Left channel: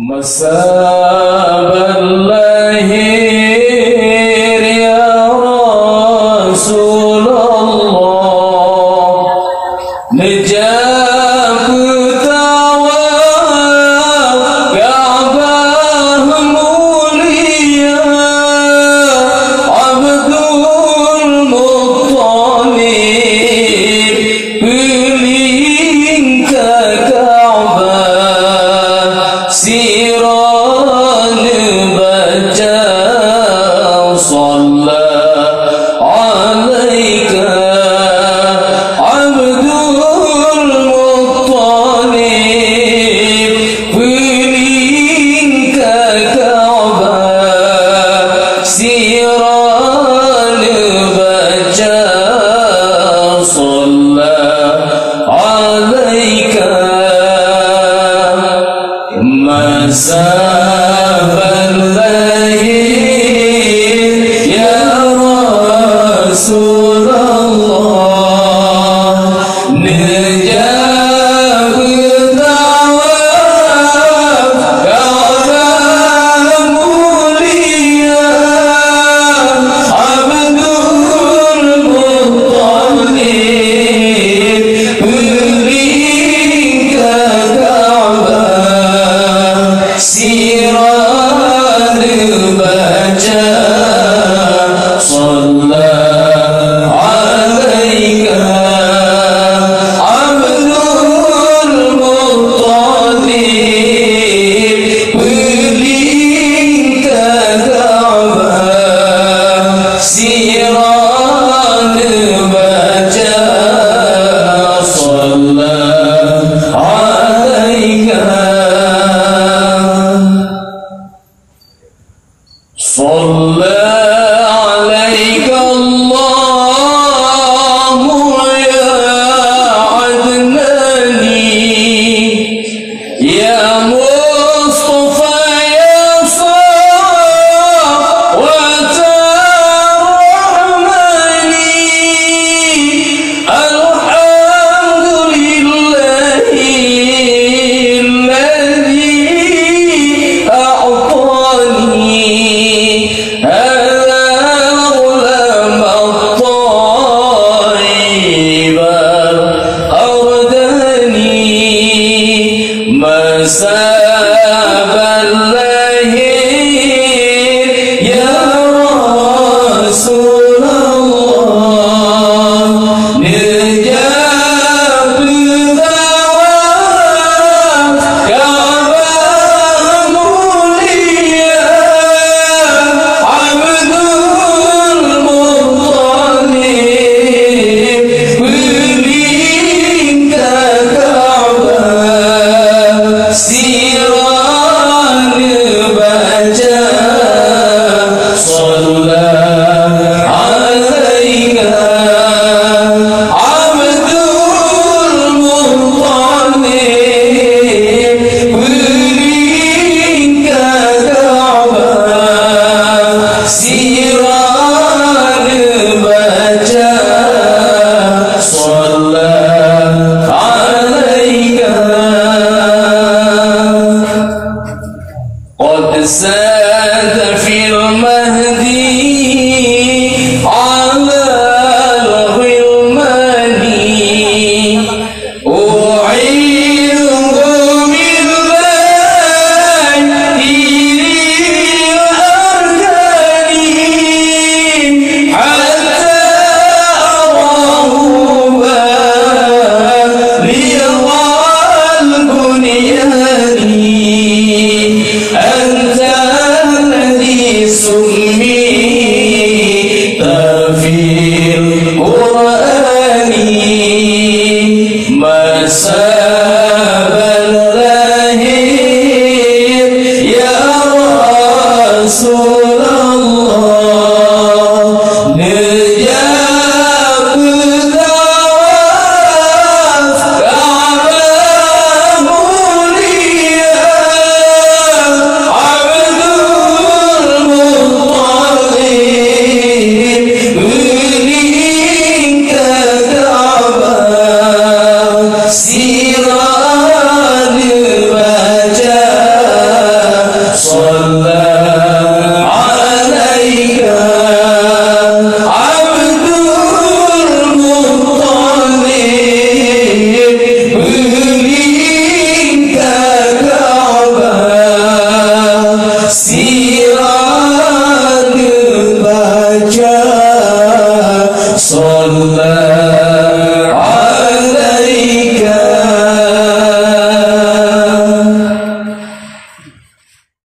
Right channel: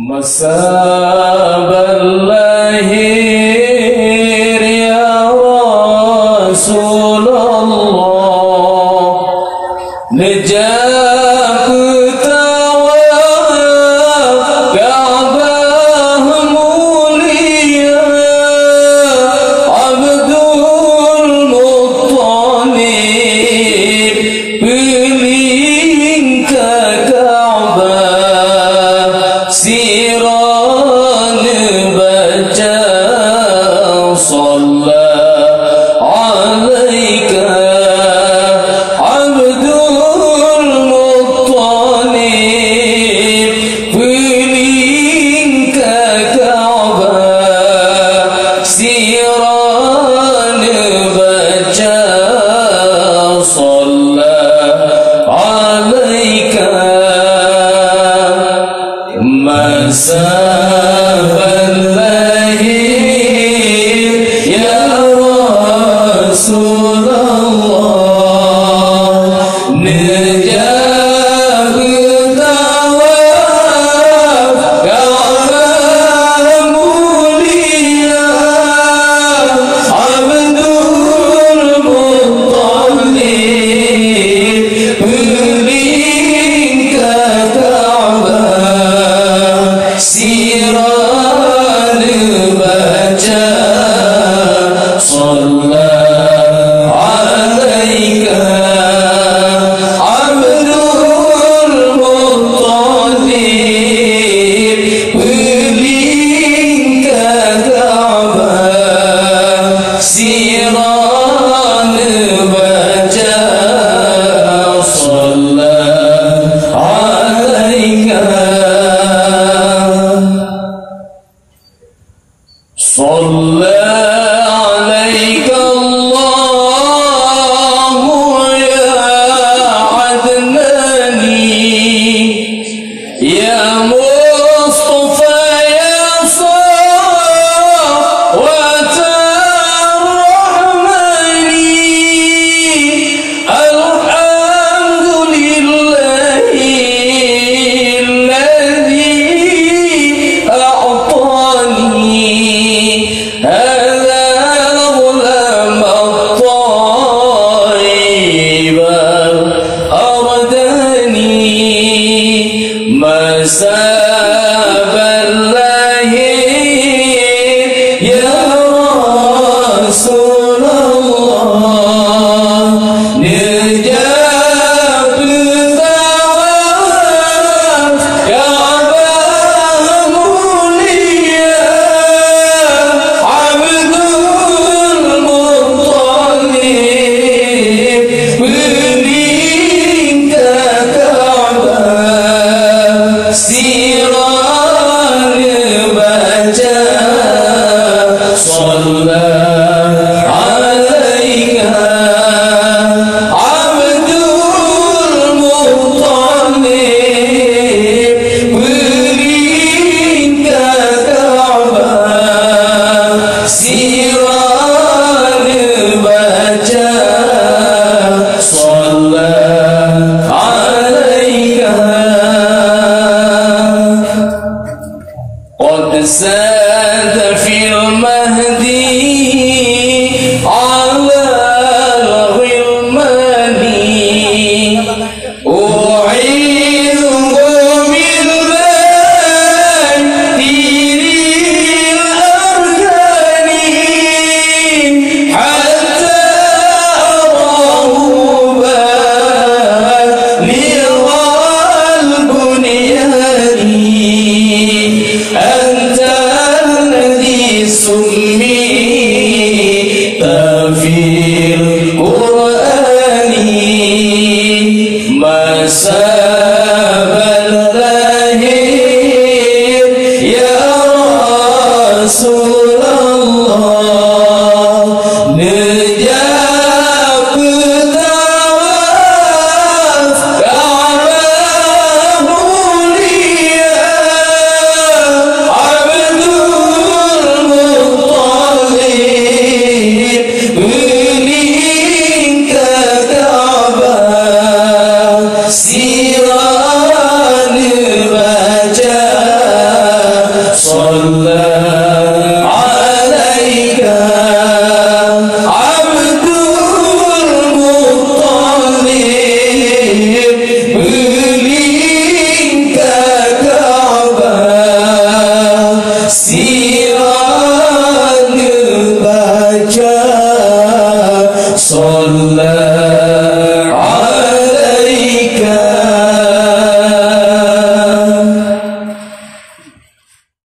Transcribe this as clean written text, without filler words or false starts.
Masaballahir ya Rasulullah, nejak tawaf Ka'bah mulia, Abdul Muttalib keliling ke Ka'bah, siran baca sallallahu alaika Abdul Muttalib keliling ke Ka'bah, siran baca sallallahu alaika. Masaballahir ya Rasulullah, nejak tawaf Ka'bah mulia, Abdul Muttalib keliling ke Ka'bah, siran baca sallallahu alaika Abdul Muttalib keliling ke Ka'bah, siran baca sallallahu alaika. صلى عليك الله يا عدناني، يا مصطفى يا صفوة الرحمن، الحمد لله الذي أعطاني هذا الظلم الطيب أردني. مسابallahir ya Rasulullah, nejak tawaf Ka'bah mulia, Abdul Muttalib keliling ke Ka'bah, siran baca sallallahu alaika Abdul Muttalib keliling ke Ka'bah, siran baca sallallahu alaika. قد ساد في المهدي على الغلمان، أعيذه بالله الأركان، حتى أراه بالغ البنيان. أنت الذي سميت في القرآن مسابallahir ya Rasulullah, nejak tawaf Ka'bah mulia, Abdul Muttalib keliling ke Ka'bah, siran baca لا